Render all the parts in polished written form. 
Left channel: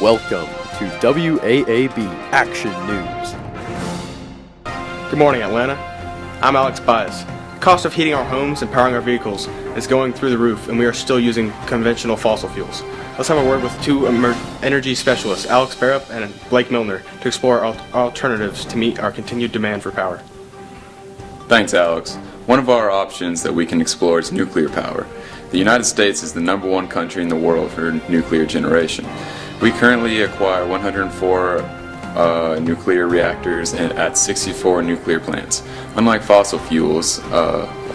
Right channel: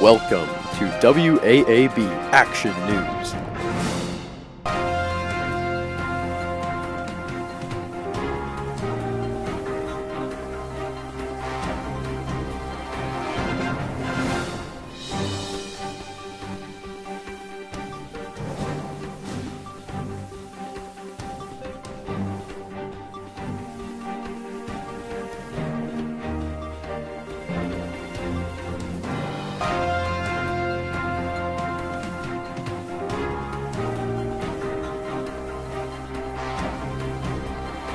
Welcome to WAAB Action News. Good morning, Atlanta. I'm Alex Baez. The cost of heating our homes and powering our vehicles is going through the roof, and we are still using conventional fossil fuels. Let's have a word with two energy specialists, Alex Barrup and Blake Milner, to explore alternatives to meet our continued demand for power. Thanks, Alex. One of our options that we can explore is nuclear power. The United States is the #1 country in the world for nuclear generation. We currently acquire 104 nuclear reactors at 64 nuclear plants. Unlike fossil fuels,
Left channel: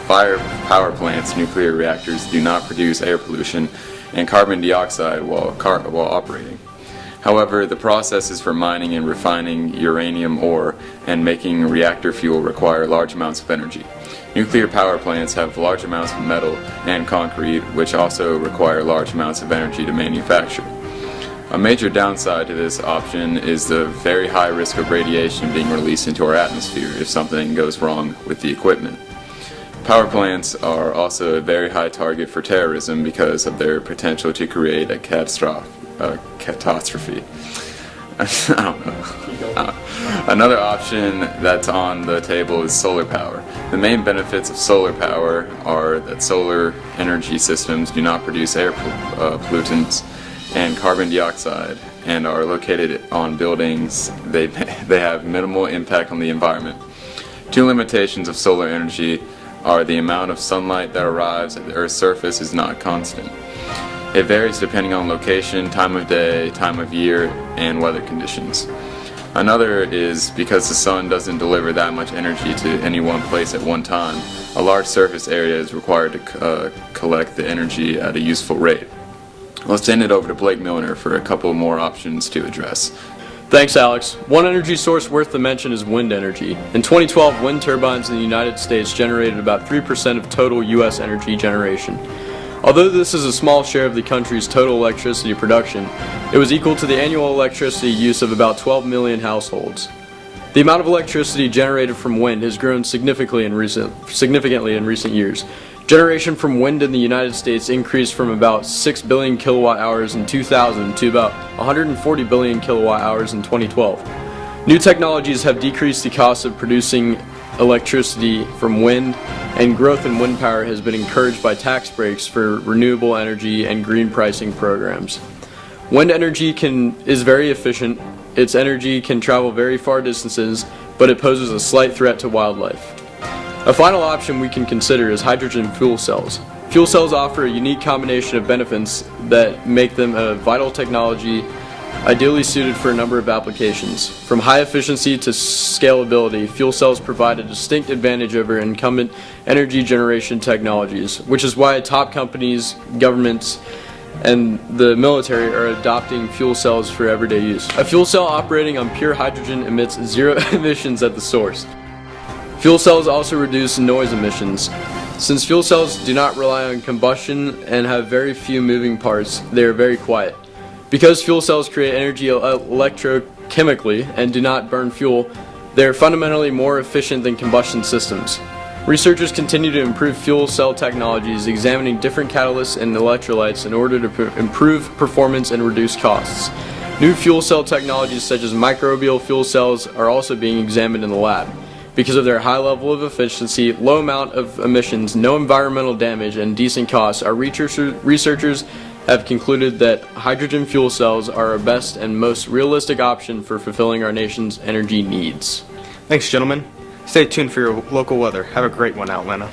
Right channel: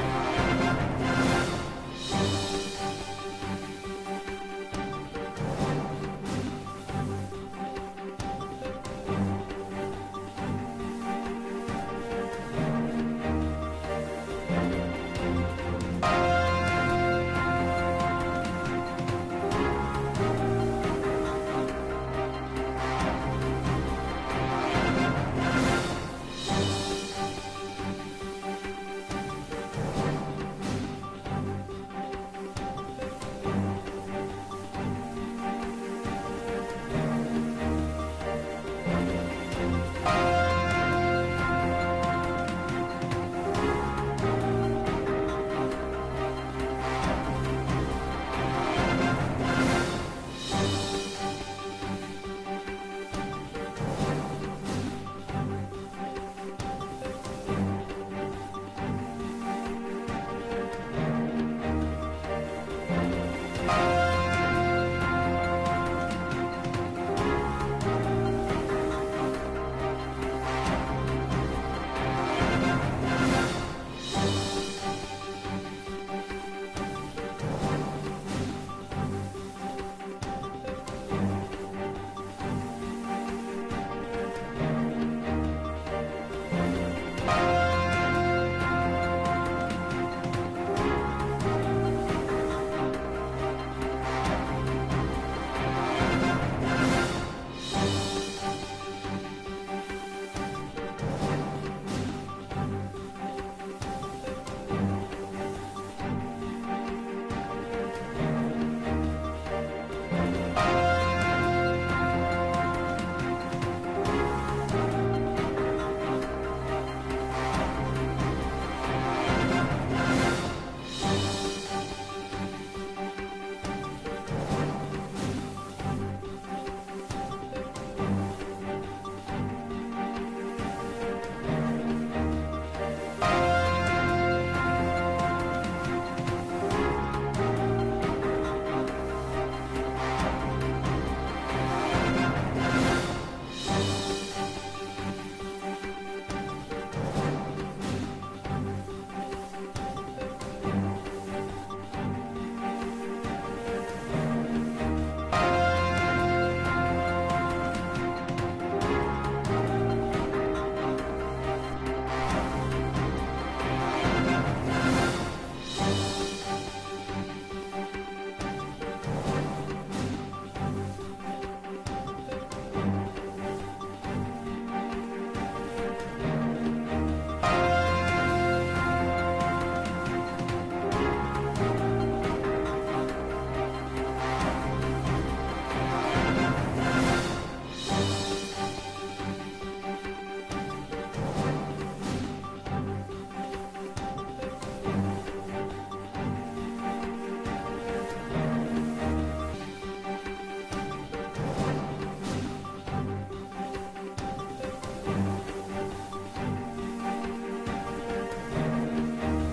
fire power plants, nuclear reactors do not produce air pollution and carbon dioxide while operating. However, the processes for mining and refining uranium ore and making reactor fuel require large amounts of energy. Nuclear power plants have large amounts of metal and concrete, which also require large amounts of energy to manufacture. A major downside to this option is the very high risk of radiation being released into our atmosphere if something goes wrong with the equipment. Power plants are also a very high target for terrorism because of their potential to create a catastrophe. I don't know. Another option that's on the table is solar power. The main benefits of solar power are that solar energy systems do not produce air pollutants and carbon dioxide and are located on buildings. They have minimal impact on the environment. Two limitations of solar energy are the amount of sunlight that arrives at the Earth's surface is not constant. It varies depending on location, time of day, time of year, and weather conditions. Another is because the sun doesn't deliver that much energy to any one place at one time, a large surface area is required to collect the energy at a useful rate. Let's send it over to Blake Milner for a couple more options to address. Thanks, Alex. One energy source worth the mention is wind energy. In 2012, wind turbines in the United States generated about 3% of total U.S. energy generation. Although this is a small share of the country's total electricity production, it was equal to the annual electricity use of about 12 million households. The amount of electricity generated from wind has grown significantly in recent years. Generation from wind in the United States increased from about 6 billion kilowatt hours in 2000 to about 140 billion kilowatt hours in 2012. New technologies have decreased the cost of producing electricity from wind, and growth in wind power has been encouraged by tax breaks for renewable energy and green pricing programs. Wind energy is very efficient. Its energy can travel very far distances, but it poses a slight threat to wildlife. A final option we can consider is hydrogen fuel cells. Fuel cells offer a unique combination of benefits that make them a vital technology ideally suited for a number of applications. From high efficiency to scalability, fuel cells provide a distinct advantage over incumbent energy generation technologies, which is why top companies, governments, and the military are adopting fuel cells for everyday use. A fuel cell operating on pure hydrogen emits zero emissions at the source. Fuel cells also reduce noise emissions. Since fuel cells do not rely on combustion and have very few moving parts, they are very quiet. Because fuel cells create energy electrochemically and do not burn fuel, they are fundamentally more efficient than combustion systems. Researchers continue to improve fuel cell technologies, examining different catalysts and electrolytes in order to improve performance and reduce costs. New fuel cell technologies such as microbial fuel cells are also being examined in the lab. Because of their high level of efficiency, low amount of emissions, no environmental damage, and decent costs, our researchers have concluded that hydrogen fuel cells are our best and most realistic option for fulfilling our nation's energy needs. Thanks, gentlemen. Stay tuned for your local weather. Have a great one, Atlanta.